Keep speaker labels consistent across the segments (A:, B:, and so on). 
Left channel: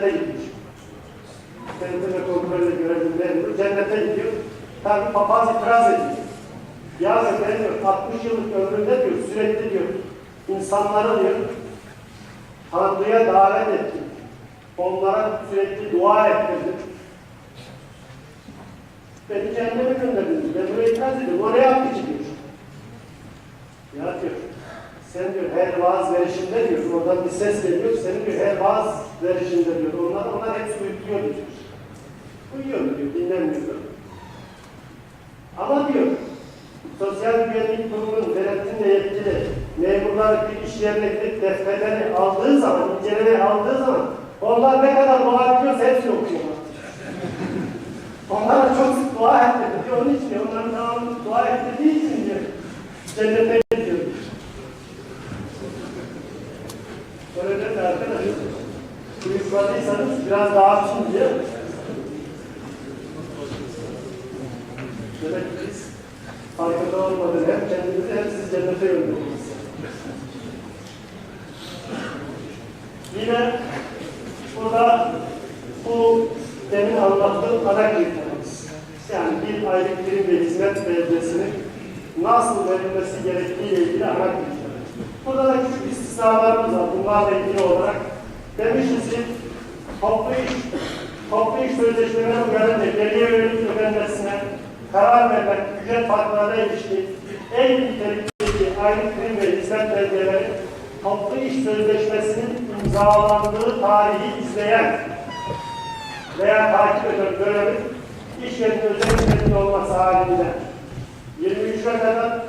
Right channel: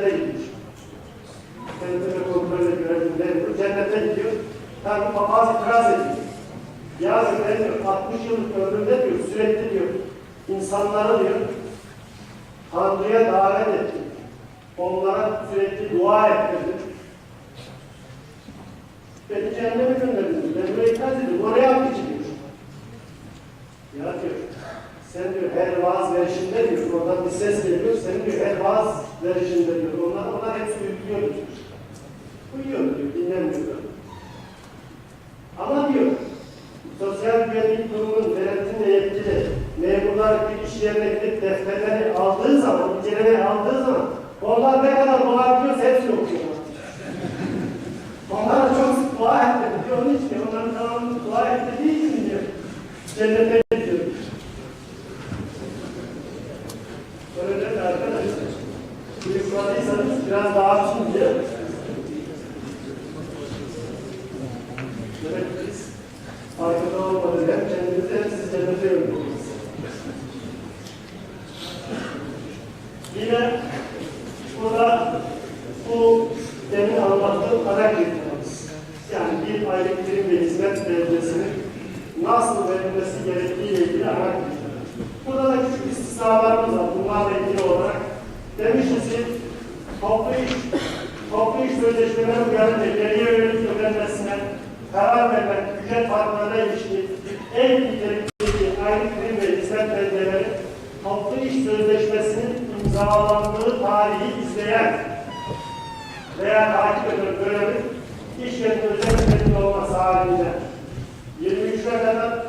A: cennete gidiyor. Kendine kontrol görelim memur cennete gidiyor. Tabi papaz itiraz ediyor. Yazık ben diyor 60 yıllık ömrümde diyor sürekli diyor insanlara diyor Tanrı'ya davet ettim. Onlara sürekli dua ettirdim. Beni cehenneme gönderdiniz. Ben buraya itiraz ediyorum. O ne yaptı ki diyor. Ya diyor, sen diyor her vaaz verişinde diyor, oradan bir ses geliyor, senin diyor her vaaz verişinde diyor, onlar, onlar hepsi uyuyor diyor. Uyuyor diyor, dinlenmiyor. Ama diyor, sosyal güvenlik kurumunun denetimle yetkili memurlar bir iş yerine gidip defterleri aldığı zaman, incelemeye aldığı zaman, onlar ne kadar dolabiliyorsa hepsini okuyorlar. Onlara çok sık dua ettirdi onun için onların tamamını dua ettirdiği için diyor, cennete gidiyor. Öyle de arkadaşlar, uyukladıysanız biraz daha açın diye. Demek ki biz farkında olmadan hem kendimizi hem siz cennete yolluyoruz. Yine burada bu demin anlattığım ana kriterimiz. Yani bir aylık prim ve hizmet belgesinin nasıl verilmesi gerektiği ile ilgili ana kriter. Burada da küçük istisnalarımız var. Bunlarla ilgili olarak demişiz ki toplu iş, toplu iş sözleşmeleri uyarınca geriye yönelik ödenmesine karar verilen ücret farklarına ilişkin en nitelikteki aylık prim ve hizmet belgeleri toplu iş sözleşmesinin imzalandığı tarihi izleyen veya takip eden dönemin iş yerinin özel nitelikli olması halinde 23'e kadar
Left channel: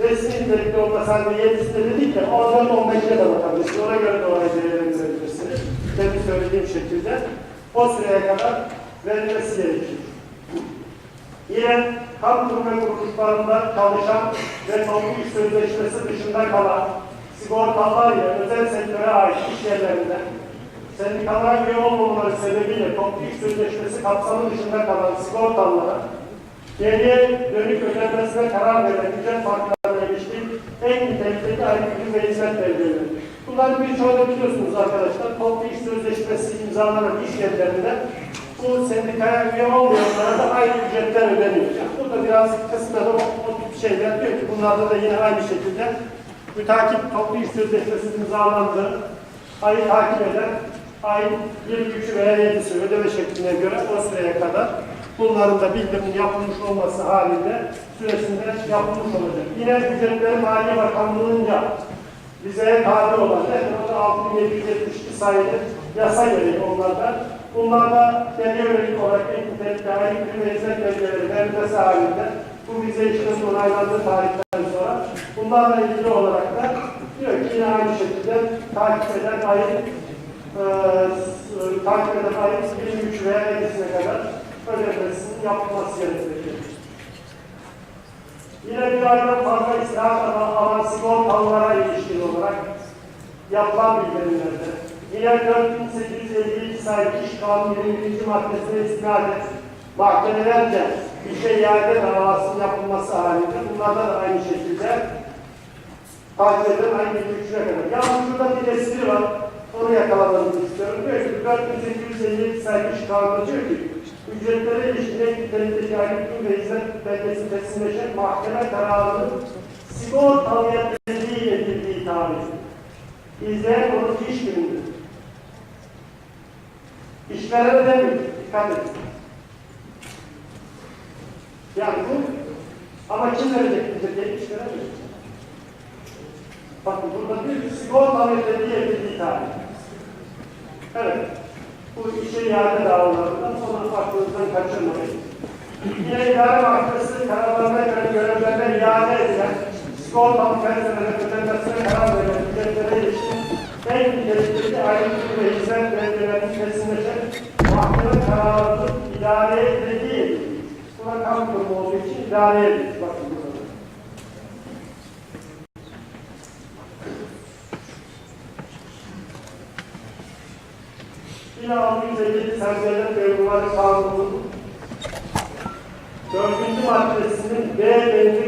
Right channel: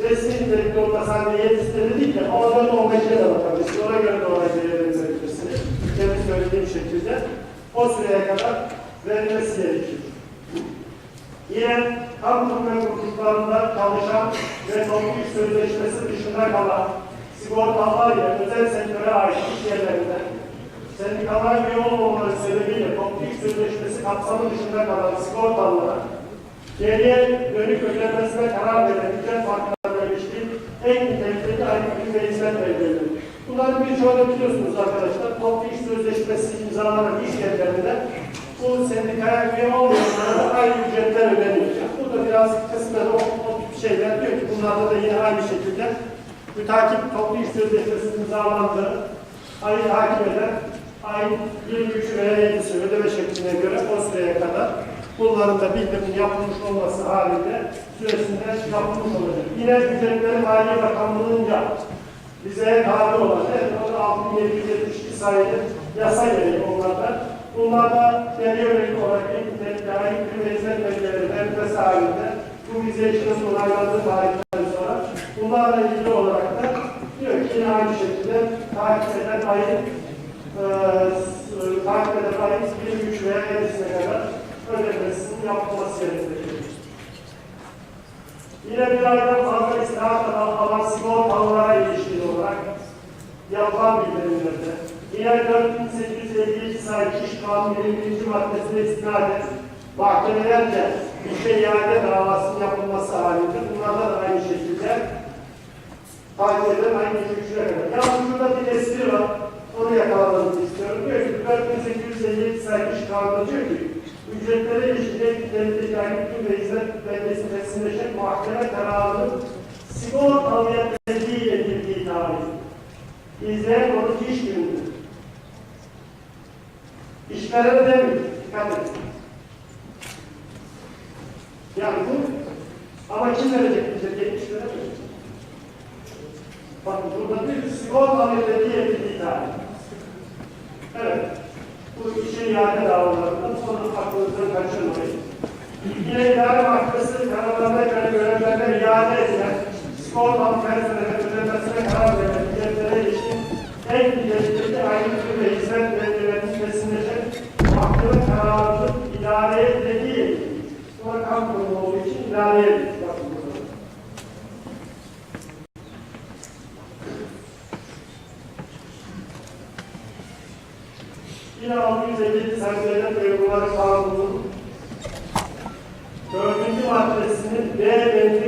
A: resmi nitelikli olması halinde 7'sinde dedik de 14 15'e de bakabilirsiniz. Ona göre de oraya değerlendirebilirsiniz. Demin söylediğim şekilde o süreye kadar verilmesi gerekiyor. Yine kamu kurum kuruluşlarında çalışan ve toplu iş sözleşmesi dışında kalan sigortalılar ile özel sektöre ait iş yerlerinde sendikalar üye olmamaları sebebiyle toplu iş sözleşmesi kapsamı dışında kalan sigortalılara geriye dönük ödenmesine karar veren ücret farklarına ilişkin en nitelikli ürün ve hizmet belgeleri. Bunların birçoğunu biliyorsunuz arkadaşlar. Toplu iş sözleşmesi imzalanan iş yerlerinde bu sendikaya üye olmayanlara da aynı ücretler ödeniyor. Yani burada biraz kısmen o, o tip şeyler diyor ki bunlarda da yine aynı şekilde mütakip toplu iş sözleşmesi imzalandı. Ayı takip eden ayın 23 veya 7'si ödeme şekline göre o süreye kadar bunların da bildirimin yapılmış olması halinde süresinde yapılmış olacak. Yine ücretleri Maliye Bakanlığı'nca bize tabi olan evet, 6772 sayılı yasa gereği onlardan. Bunlarda geriye yönelik olarak en nitelikli aylık bir hizmet belgeleri verilmesi halinde bu vize işinin onaylandığı tarihten sonra bunlarla ilgili olarak da diyor ki yine aynı şekilde takip eden ayın e, takip eden ayın 23 veya 7'sine kadar ödemesinin yapılması gerekiyor. Yine bir aydan fazla istirahat alan sigortalılara ilişkin olarak yapılan bildirimlerde yine 4852 sayılı iş kanunu 21. maddesine istinaden mahkemelerce işe iade davasının yapılması halinde bunlardan da aynı şekilde takip eden aynı güçlüğe kadar. Yalnız şurada bir espri var. Onu yakalamamızı istiyorum. Diyor ki 4852 sayılı iş kanunu diyor ki ücretlere ilişkin nitelikteki aylık ve hizmet belgesi teslimleşen mahkeme kararının sigortalıya tezliği edildiği tarih. İzleyen konuk iş günüdür. İşverene demiyor. Dikkat edin. Yani bu ama kim verecek bize? İşveren mi? Bakın burada bir sigortalıya tezliği edildiği tarih. Evet. Bu işe iade davalarından sonra aklınızdan kaçırmayın. Yine idare mahkemesi kararlarına göre görevlerine iade edilen sigortalı personelin ödenmesine karar veren ücretlere ilişkin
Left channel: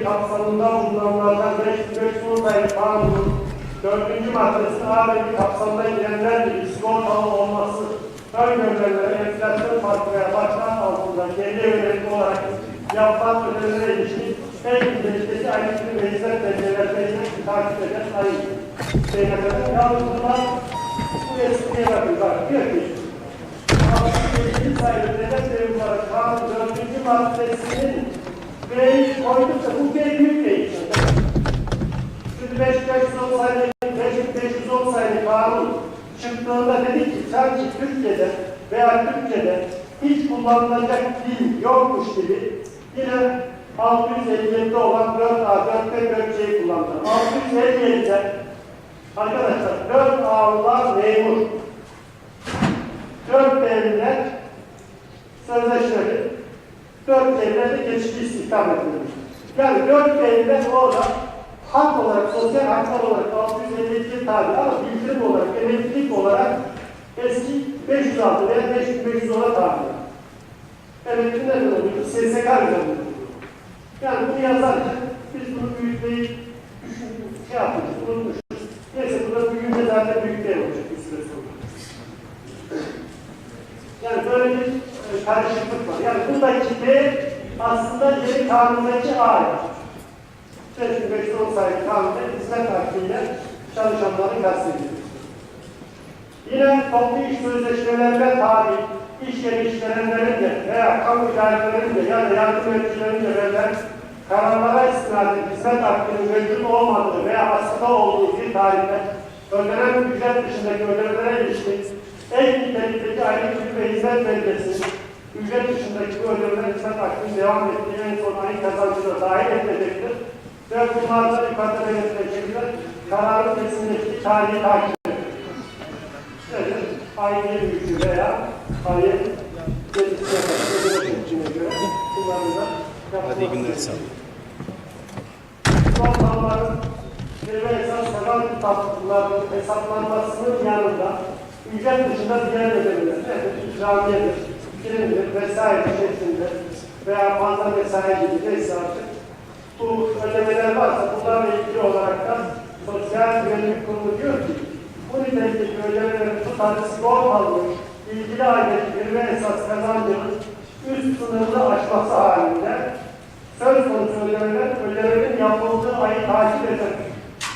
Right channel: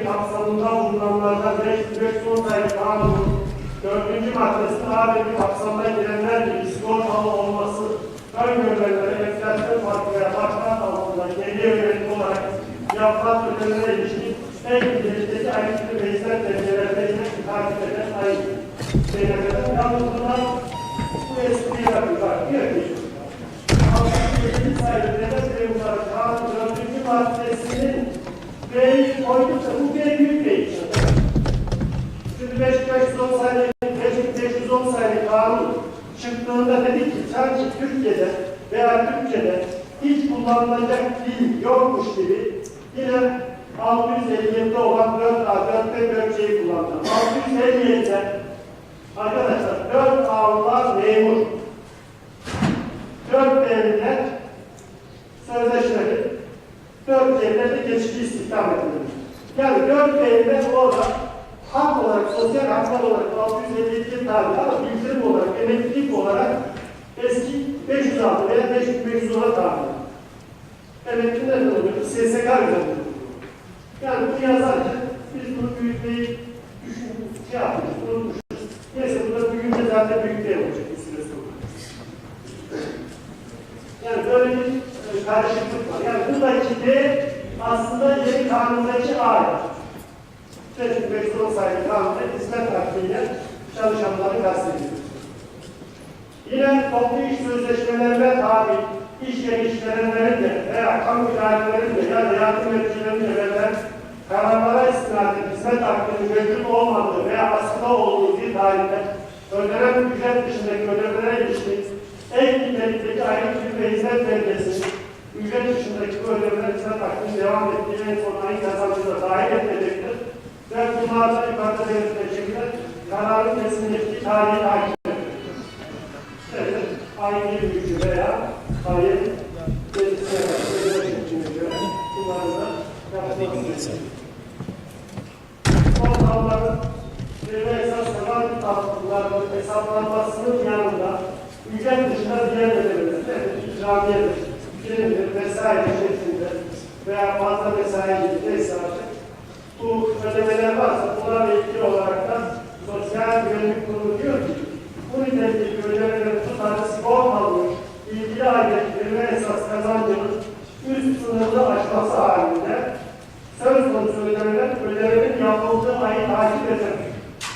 A: kapsamında uygulanılacak 5510 sayı kanunun 4. maddesinin ABD kapsamına girenler gibi sigortalı olması ön gönderleri enflasyon farkına başkan altında kendi yönelik olarak yapılan ödemelere ilişkin en güzelliğindeki ayrıntı meclisler belgelerine takip eden ayı. Şeylerden yalnız bu eskiye yapıyorlar. Bir yapıyorlar. Kapsamı 7 sayı ödemek ve bunlar kanun 4. maddesinin B'yi koyduk da bu B büyük değil. Şimdi 5510 sayılı 5510 sayılı kanun çıktığında dedik ki sanki Türkiye'de veya Türkçe'de hiç kullanılacak dil yokmuş gibi yine 657'de olan 4A, 4B bölgeyi kullandı. 657'de arkadaşlar 4 A'lar memur, 4 Geçici istihdam edilir. Yani 4 B'liler orada hak olarak, sosyal haklar olarak 652 tabi ama bildirim olarak, emeklilik olarak eski 506 veya 5510'a tabi. Emekli nereden oluyor? SSK üzerinde. Yani bunu yazarken biz bunu büyütmeyi düşündük, şey yapmışız, unutmuşuz. Neyse burada büyüyünce zaten büyük değil olacak bir süre sonra. Yani böyle bir e, karışıklık var. Yani buradaki D aslında yeni kanundaki A. 5510 sayılı kanunda hizmet hakkıyla çalışanları kastediyor. Yine toplu iş sözleşmelerine tabi iş yeri işverenlerin de veya kamu idarelerinin de ya da yardım etkilerinin de verilen kararlara istinaden hizmet hakkının mevcut olmadığı veya askıda olduğu bir tarihte ödenen ücret dışındaki ödemelere ilişkin ek nitelikteki ayrı tür ve hizmet belgesi ücret dışındaki bu ödemeler hizmet hakkının devam ettiği en son ayın kazancına dahil edilecektir. Ve bunlardan yukarıda belirtilecekler kararın ettiği tarihi takip aynı gücü veya aynı
B: Hadi iyi günler sağ olun.
A: Son kanunların ve esas kalan hesaplanmasının yanında ücret dışında diğer ödemeler, evet, ikramiyedir, primdir vesaire şeklinde veya fazla vesaire gibi neyse artık bu ödemeler varsa bunlarla ilgili olarak da Sosyal Güvenlik Kurumu diyor ki bu nitelikteki ödemelerin tutarı sigortalanmış ilgili aydaki verme esas kazancının üst sınırını aşması halinde söz konusu ödemeler ödemenin yapıldığı ayı takip eder.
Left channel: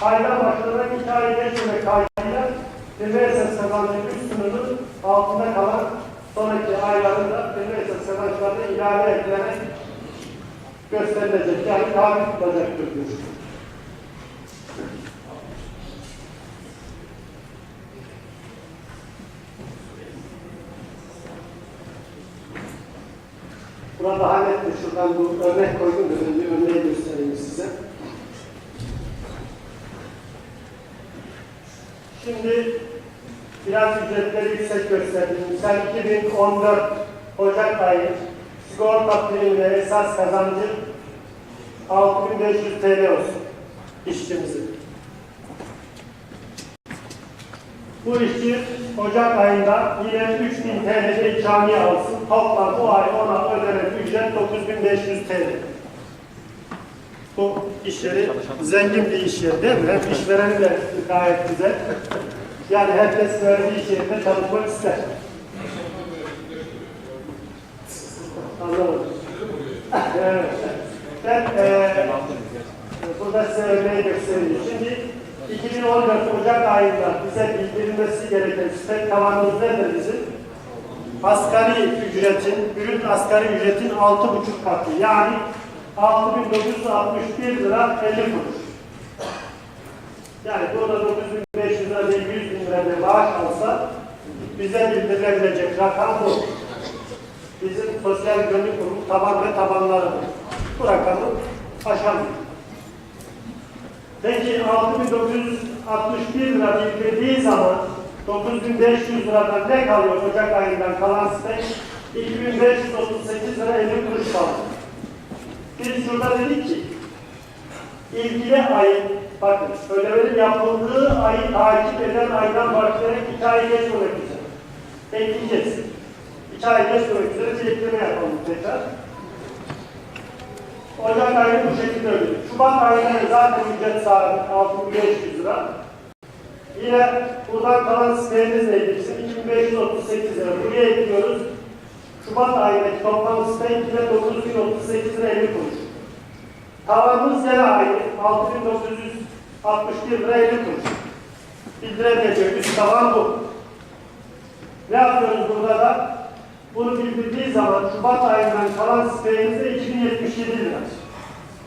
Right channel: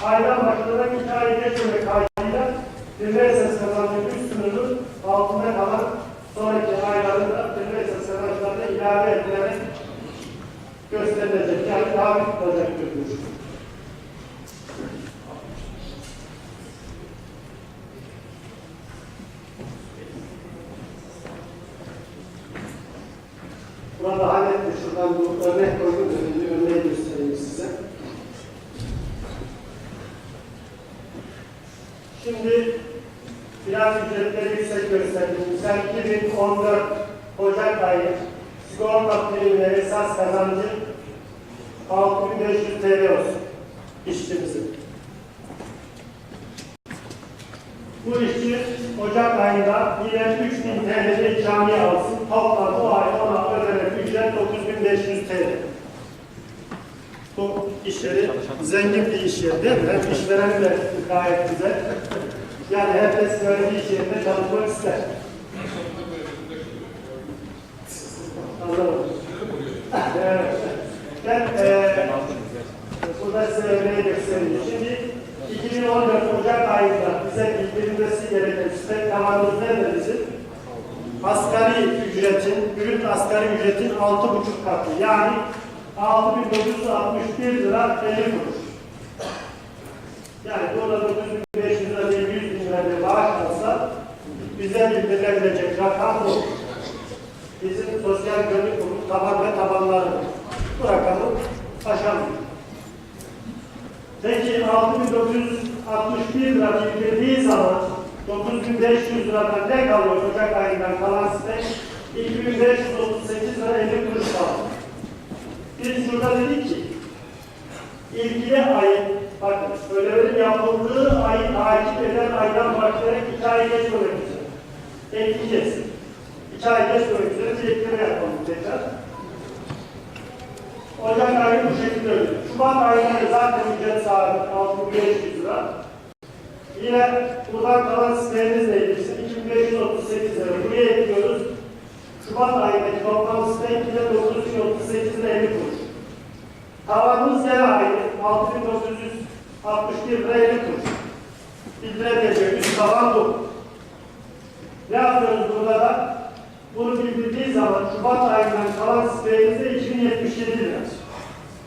A: Aydan başlanan iki ay geçmemek kaydıyla verme esas kazancının üst sınırının altında kalan sonraki aylarında verme esas kazançlarına ilave edilerek gösterilecek. Yani tabi tutacaktır diyor. Burada hallettim. Şuradan bu örnek koydum. Önce örneği göstereyim size. Şimdi biraz ücretleri yüksek gösterdim. Sen 2014 Ocak ayı sigorta primi ve esas kazancı 6500 TL olsun işçimizin. Bu işçi Ocak ayında yine 3000 TL'de ikramiye alsın. Toplam bu ay ona ödenen ücret 9500 TL. Bu iş yeri zengin bir iş yeri değil mi? Hem işvereni de gayet güzel. Yani herkes böyle bir iş yerinde çalışmak ister. Anlamadım. evet. Ben eee burada size örneği göstereyim. Şimdi 2014 Ocak ayında bize bildirilmesi gereken site tavanımız nedir bizim? Asgari ücretin, brüt asgari ücretin 6,5 katı. Yani 6961 lira 50 kuruş. Yani burada 9500 lira değil 100 bin lira bir maaş alsa bize bildirilebilecek rakam bu. Bizim sosyal güvenlik kurumu taban ve tabanları bu rakamı aşamıyor. Peki 6961 lira bildirdiği zaman 9500 liradan ne kalıyor Ocak ayından kalan size? 2538 lira 50 kuruş kaldı. Biz şurada dedik ki ilgili ayın, bakın ödemenin yapıldığı ayı takip eden aydan başlayarak iki ay geç olmak üzere. Ekleyeceğiz. İki ay geç olmak üzere bir ekleme yapalım tekrar. Ocak ayı bu şekilde ödüyor. Şubat ayında zaten ücret sabit 6500 lira. Yine buradan kalan neydi bizim? 2538 lira. Buraya ekliyoruz. Şubat ayındaki toplam site yine 9038 lira 50 kuruş. Tavanımız yine aynı. 6961 lira 50 kuruş. bildiremeyecek üst tavan bu. Ne yapıyoruz burada da? Bunu bildirdiği zaman Şubat ayından kalan siteyimizde 2077 lira.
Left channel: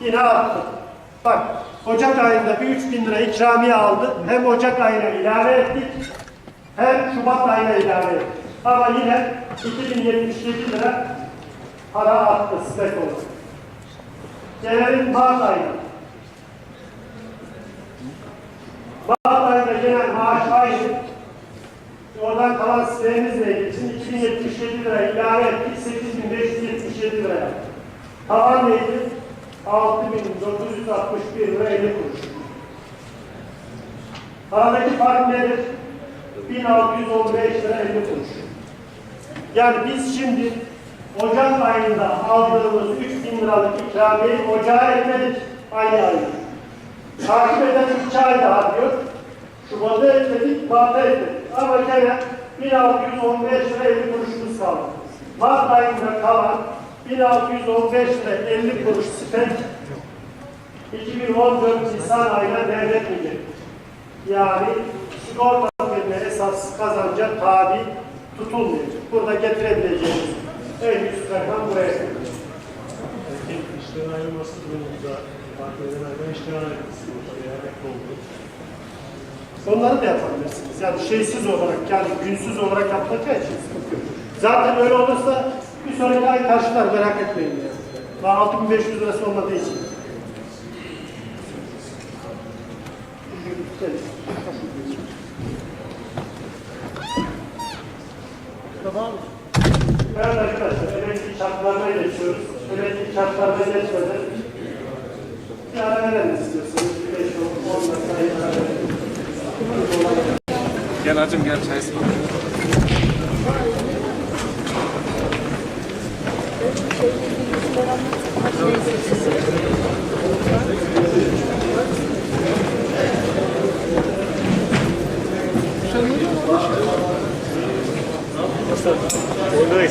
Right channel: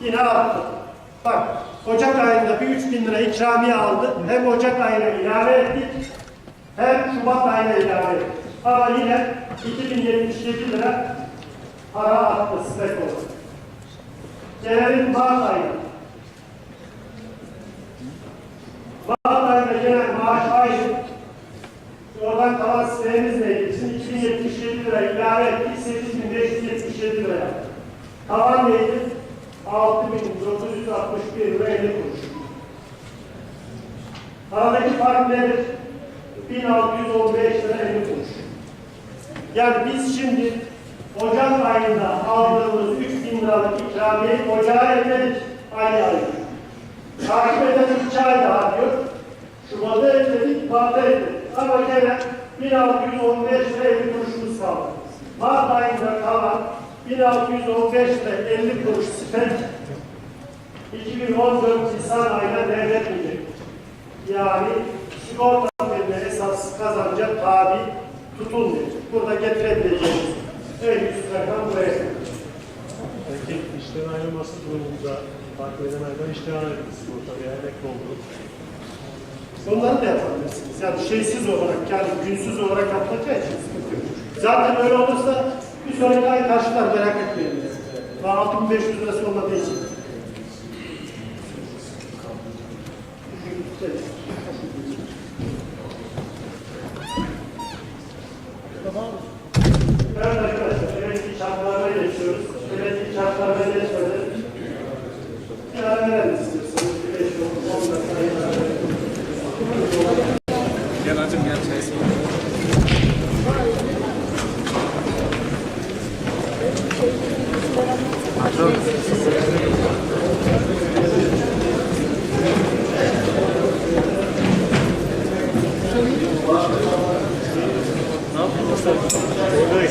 A: Yine arttı. Bak Ocak ayında bir 3000 lira ikramiye aldı. Hem Ocak ayına ilave ettik hem Şubat ayına ilave ettik. Ama yine 2077 lira para arttı stek olarak. Gelelim Mart ayına. Mart ayında gelen maaş aynı. Oradan kalan sistemimizle ilgili şimdi 2077 lira ilave ettik, 8577 lira yaptık. Tavan neydi? 6961 lira 50 kuruş. Aradaki fark nedir? 1615 lira 50 kuruş. Yani biz şimdi Ocak ayında aldığımız 3000 liralık ikramiyeyi Ocağa ekledik aynı ay. Takip eden 2 ay daha diyor. Şubat'a ekledik, Mart'a ekledik. Ama gene 1615 lira 50 kuruşumuz kaldı. Mart ayında kalan 1615 lira 50 kuruş spek 2014 Nisan ayına devretmeyecek. Yani sigorta verme esas kazanca tabi tutulmayacak. Burada getirebileceğimiz en üst rakam buraya gelecek.
B: Peki işten ayrılması durumunda fark eden aydan işten ayrıldı sigorta veya emekli oldu.
A: Onları da yapabilirsiniz. Yani şeysiz olarak, yani günsüz olarak yapılacağı için sıkıntı yok. Zaten öyle olursa bir sonraki ay karşılar merak etmeyin. Daha 6500 lirası olmadığı için. Evet arkadaşlar, emekli şartlarına geçiyoruz. Emekli şartlarına geçmeden bir ara verelim istiyorsanız. Bir beş, on, on dakika.
C: Gel hacım gel çay ısmarla.
B: Orada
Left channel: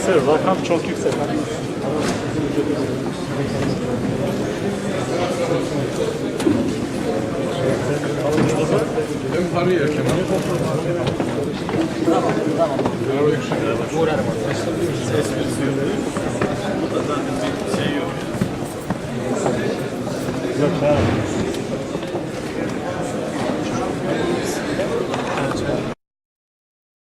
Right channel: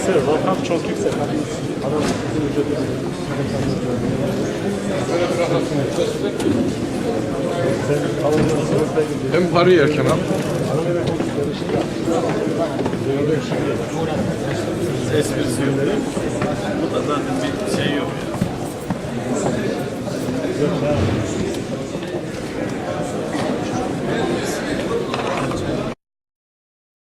B: ise rakam çok yüksek.
C: Hem parayı yerken al. Esprisi yok. Bu da zaten bir şey yok
B: yok.